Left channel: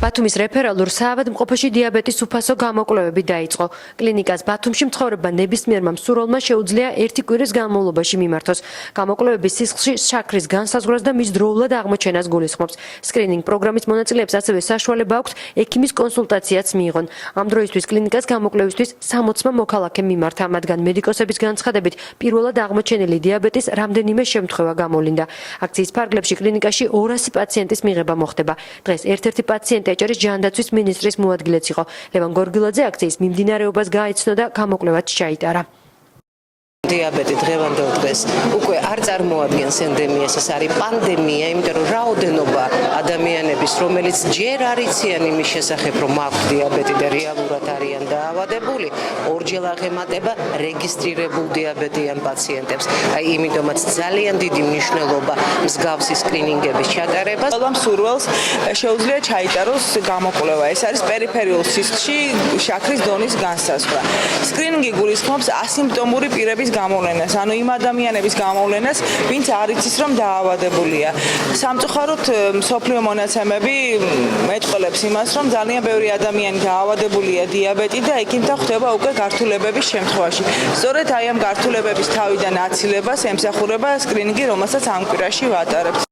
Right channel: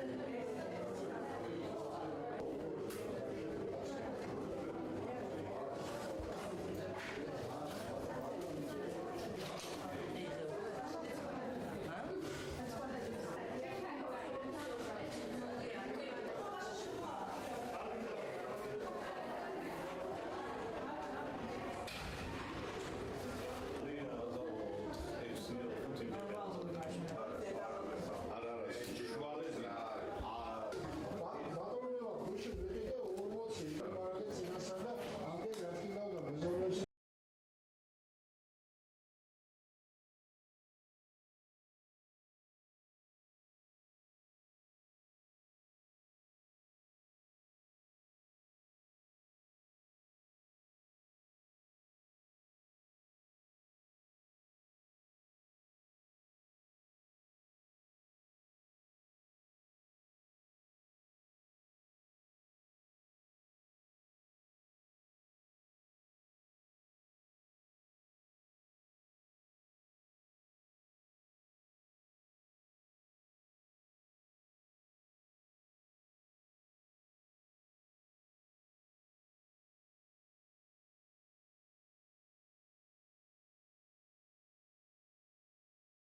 ბათუმის რეფერალურ საავადმყოფოში დიაბეტის უფასო გამოკვლევები დაიწყო. კლინიკას ბათუმში მცხოვრებმა ნებისმიერმა მსურველმა შეუძლია ერთი კვირის განმავლობაში მიმართოს. გამოკვლევების სისხლში შაქრის განსაზღვრას და მის დროულად აღმოჩენას გულისხმობს. სკრინინგ პროგრამის მონაწილეებს ასევე საშუალება აქვთ ექიმის კონსულტაციაც მიიღონ. ამ დროისთვის კლინიკას გამოკვლევისთვის 60-მა მოქალაქემ მიმართა, მათგან მედიკოსების განცხადებით პირველად აღმოჩენილი დიაბეტის რამდენიმე შემთხვევა გამოვლინდა. აქციის ფარგლებში კლინიკაში 200 პაციენტის მიღება მოხდება. დღეს ერთ-ერთი პაციენტი ეჭერის ჯანდაცვის მინისტრის მოადგილეც იყო. ლევან გორგილაძე აქციის მიმდინარეობას გაეცნო და გამოკვლევაც ჩაიტარა. Diabeti დღევანდელ დღეს უკვე არ წარმოადგენს ენდემიას, ეს არის პანდემია, იმიტომ რომ რაოდენობა ადამიანების, რომელიც ჯერ არ იციან იმის შესახებ, რომ აქვთ დიაბეტი და რეალურად არიან დაავადებული, ორჯერ აღემატება რეგისტრირებულ დიაბეტიან პაციენტებს. აი, იმიტომაც ძალიან დიდი მნიშვნელობა მსგავსი სკრინინგების ჩატარებას. ყველა მსურველს შეუძლია ჩაიტაროს გამოკვლევა. ეს არის პერიფერიულ სისხლში შაქრის დონის განსაზღვრა. სკრინინგი გულისხმობს ასიმპტომური პირების გამოვლენას, ანუ იმ ადამიანების გამოვლენას, ვინც არ იცის, რომ დაავადებულია. სამწუხაროდ მსოფლიო მონაცემები მეტყველებს იმას, რომ ძალიან ბევრი ადამიანი დაავადებულია დიაბეტით და ექიმთან ხვდება უკვე გართულებების შემთხვევაში. სწორედ აი ამ გართულებების თავიდან აცილებას ემსახურება სკრინინგი, რომელსაც ამ კვირაში ვატარებთ.